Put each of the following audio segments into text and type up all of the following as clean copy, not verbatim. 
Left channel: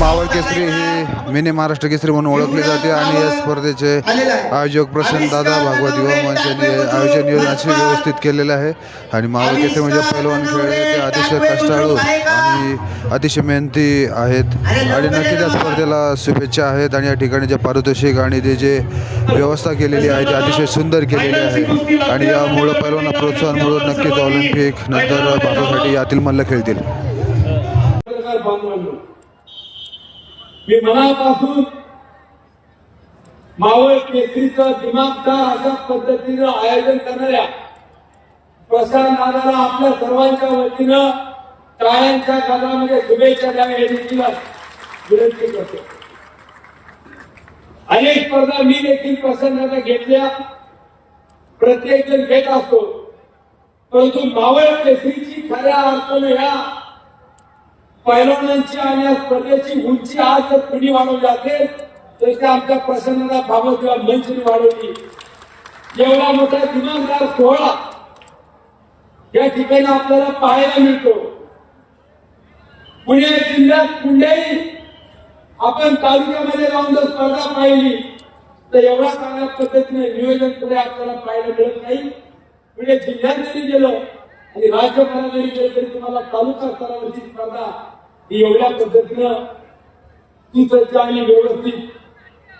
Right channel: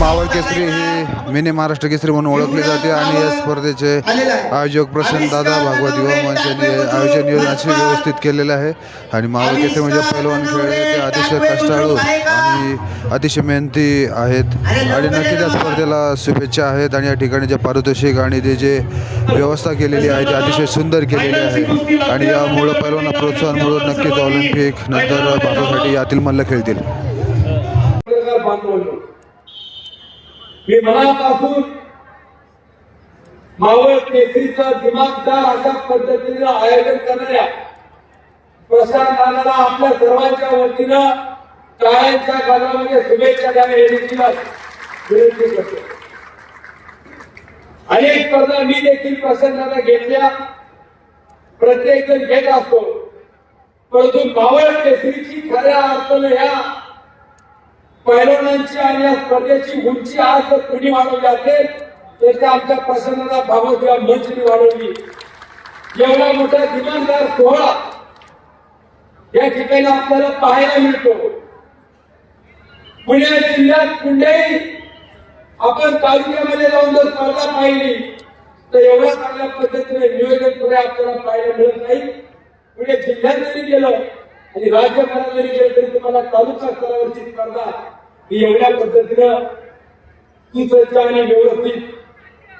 मावळ केसरी ही mini Maharashtra Kesari म्हणून ओळखली जाते आणि या स्पर्धेचे आयोजक प्रशांत दादा भागवत युवा मंच यांनी आयोजन नियोजनाची व्यवस्थित केलेलं आहे. आणि मावळ केसरी म्हणजे पैलवान खेळ ते अतिशय कष्टाळू आणि अतिशय मेहनती आहेत आणि नक्की त्या स्पर्धेला शुभेच्छा आहेत. आणि या ठिकाणी जे पारितोषिक आणि ते जे व्यवस्था केलेली आहे ती अतिशय सुंदर केलेली आहे आणि यामुळं पैलवांना प्रोत्साहन मिळून नक्कीच ऑलिम्पिक नंतर भारतासाठी यातील मल्ल खेळतील. मी मनापासून मावळ केसरीचं दिमागदार अशा पद्धतीनं आयोजन करणाऱ्या प्रशांत दादाला आपल्या सर्वांच्या वतीनं टाळ्यांच्या गजरामध्ये शुभेच्छा द्याव्या याची विनंती करतो. अनेक स्पर्धा मी देखील प्रशांत दादा घेतल्या, प्रत्येक जण घेत असतो, परंतु मावळ केसरीची खऱ्या अर्थानं ह्या पैलवानांची आणि या स्पर्धेची उंची आज जर कोणी वाढवली असेल तर आमच्या प्रसन्नता भावत किंवा मंचनी वाढवली. एवढा मोठा दिमागदार सोहळा या ठिकाणी आपल्याला पाहायला मिळतो. पुणे जिल्ह्यात कुठल्याही आपण तालुक्यामध्ये जाऊन जर स्पर्धा पाहिली तर एवढ्या चांगल्या पद्धतीने नियोजन पुढे आपल्याला पाहायला मिळत नाही. पुणे जिल्ह्यात जरी गेलं आणि राज्यभरात जरी गेलं तरी तुम्हाला तालुका स्तरावरची स्पर्धा ही एवढ्या पद्धतीनं सुसज्ज आणि व्यवस्थित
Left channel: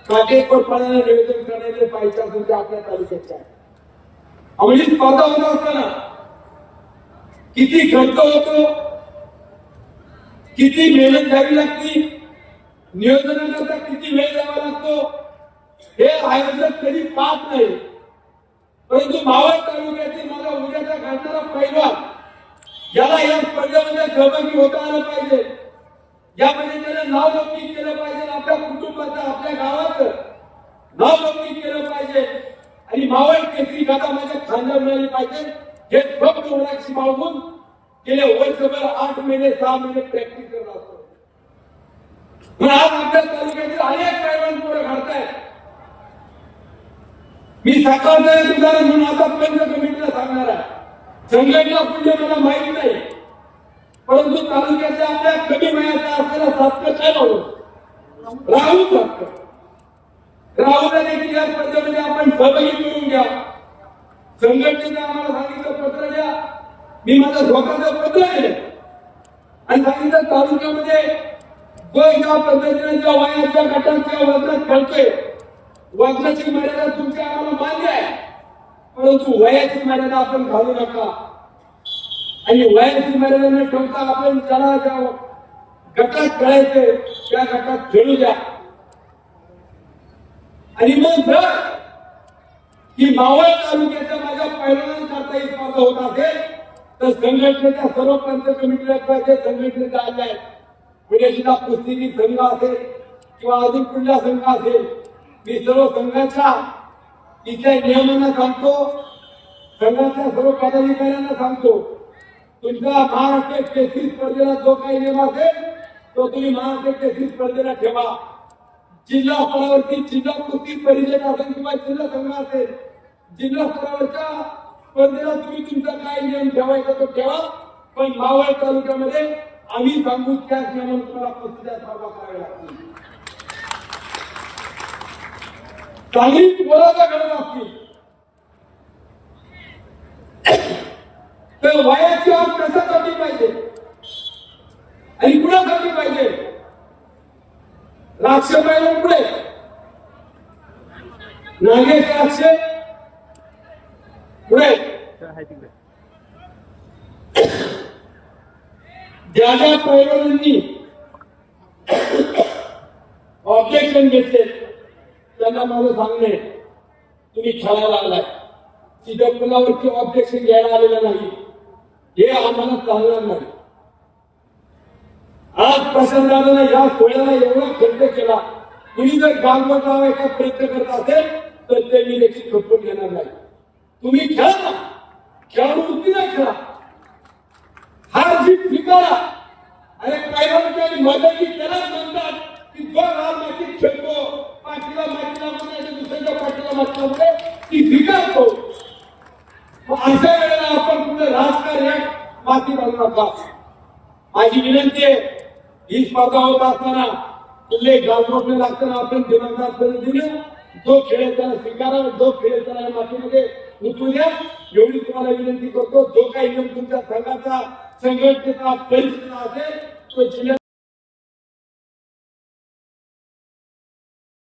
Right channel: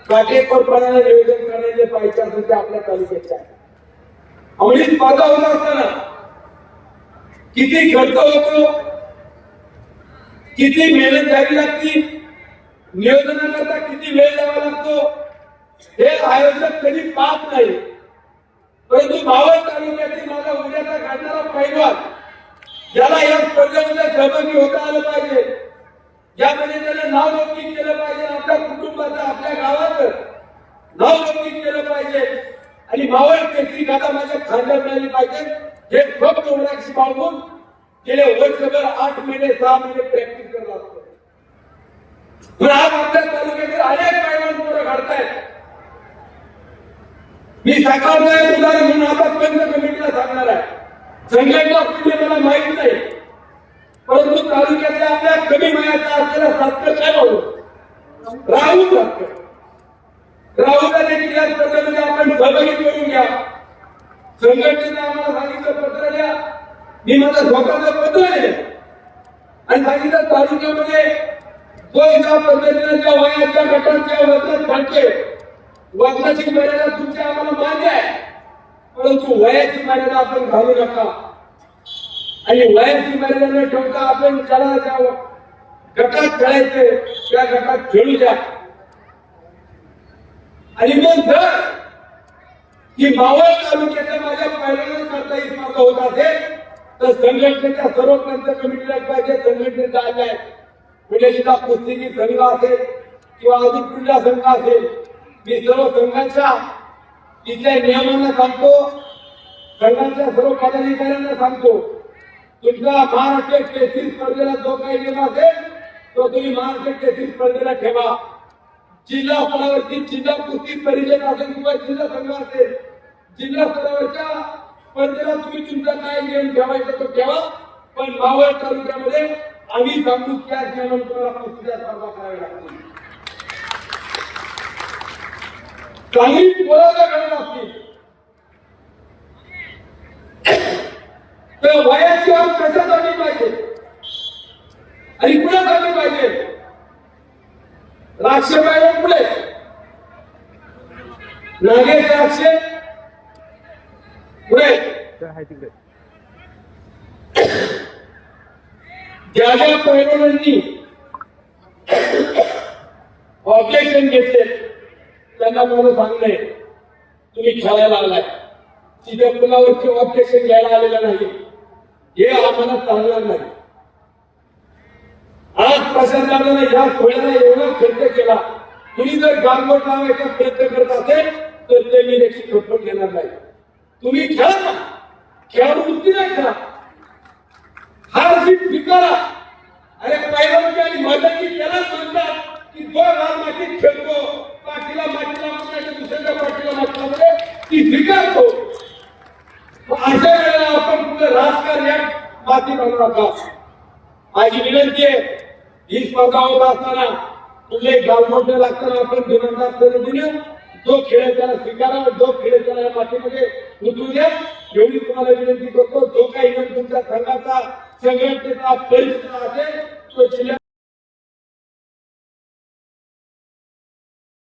काटेकोरपणाने नियोजन करण्याचे पाहिजे असेल ते आपल्या तालुक्याचे आहे. आपली स्पर्धा होत असताना किती खर्च होतो, किती मेहनत घ्यावी लागते, नियोजनाकरता किती वेळ द्यावा लागतो हे आयोजक कधी पाहत नाही. परंतु मावळ तालुक्यातील माझा उद्याचा घडणारा पैलवान याला या स्पर्धेमध्ये सहभागी होता आलं पाहिजे, यामध्ये त्याला नाव लौकिक केलं पाहिजे, आपल्या कुटुंबाचं आपल्या गावाचं नाव लौकिक केलं पाहिजे आणि मावळ केसरी गाथा माझ्या खांद्यावर मिळाली पाहिजे. हे फक्त ओळखी मागून गेले वर्षभर 8 महिने 6 महिने प्रॅक्टिस करत असतो. पण आज आपल्या तालुक्यातील अनेक पैलवान पुढे घडतायत. मी साकारणार उदाहरण म्हणून आतापर्यंत कमिटीला सांगणार आहे. संघटना कुठे मला माहित नाही, परंतु तालुक्यातल्या आपल्या कमी वयाचा असलेला राहुलला देखील या स्पर्धेमध्ये आपण सहभागी करून घ्या. संघटनेने आम्हाला सांगितलं पत्र द्या, मी माझं स्वतःचं पत्र आहे आणि सांगितलं तालुक्यामध्ये जो एका पद्धतीने ज्या वयाच्या गटाच्या वजनात घडते वजनाची मर्यादा तुमच्या आम्हाला मान्य आहे, परंतु वयाची मर्यादा आपण घालू नका आणि वयाची मर्यादा न ठेवता आपण ज्याला ज्या गटात खेळायचे त्या गटात खेळू द्या. आणि मग जर की मावळ तालुक्याच्या माझ्या पैलवानांकरता ही स्पर्धा होत असेल तर संघटनेच्या सर्व पंच कमिटीला पाहिजे. संघटनेचा आल्या पुणे जिल्हा कुस्ती संघ असेल किंवा अजून कुठला संघ असेल, मी सर्व संघाच्या इथल्या नियमांना सांगतो, संघाच्या सर्व पदाधिकाऱ्यांना सांगतो, तुमचा महाराष्ट्र केसरी स्पर्धेला जो काही नियम असेल तो तुम्ही महाराष्ट्र केसरी स्पर्धेला ठेवा. जिल्हा स्तरावरती जिल्हा कुस्ती परिषद असेल किंवा जिल्हा संघ असेल, जिल्हा स्तरावरच्या स्पर्धेला तुम्ही तुमचा काय नियम ठेवायचा तो ठेवा, पण मावळ तालुक्यामध्ये आम्ही सांगू त्याच नियमाने तुम्हाला कुस्तीच्या स्पर्धा कराव्या लागतील. चांगली बोलायला गरज असते तर वयाची वाट कशासाठी पाहिजे आणि कुणासाठी पाहिजे. राक्षस पुढे नागेश राक्षस पुढे ज्या ज्या पैलवानांनी ऑब्जेक्शन घेतले त्यांना मला सांगणे तुम्ही खेळायला आलाय तिथे कुणावरती ऑब्जेक्शन घ्यायला आलेलं नाही हे आम्हाला चालणार नाही. आज प्रशासनाने या सोहळ्याला एवढा खर्च केला तुम्ही जर गालबोट लावायचा प्रयत्न करत असेल तर ते मी देखील खपवून घेणार नाही. तुम्ही खेळा ना खेळाडू मुक्ती नाही खेळा हार जीत स्वीकारा. अरे पहिल्यांदा मदती त्यालाच म्हणतात की जो हार मातीत खेळतो पाठीला दुसऱ्या पाठीला मातीमध्ये ती स्वीकारतो. अशा वेळेला आपण कुठलं राजकार्यात माती बनवू नका. माझी विनंती आहे ही स्पर्धा होत असताना कुठले गावमोडणे लागताना आपण दिनांकात पद्धतीने जो खेळ त्याला स्वीकारा जो खेळ त्याला या मातीमध्ये उतरू द्या एवढी तुम्हाला विनंती करतो. जो काही नियम तुमच्या संघाचा संघटनेचा परिस्थिती असेल तो जिल्ह्यात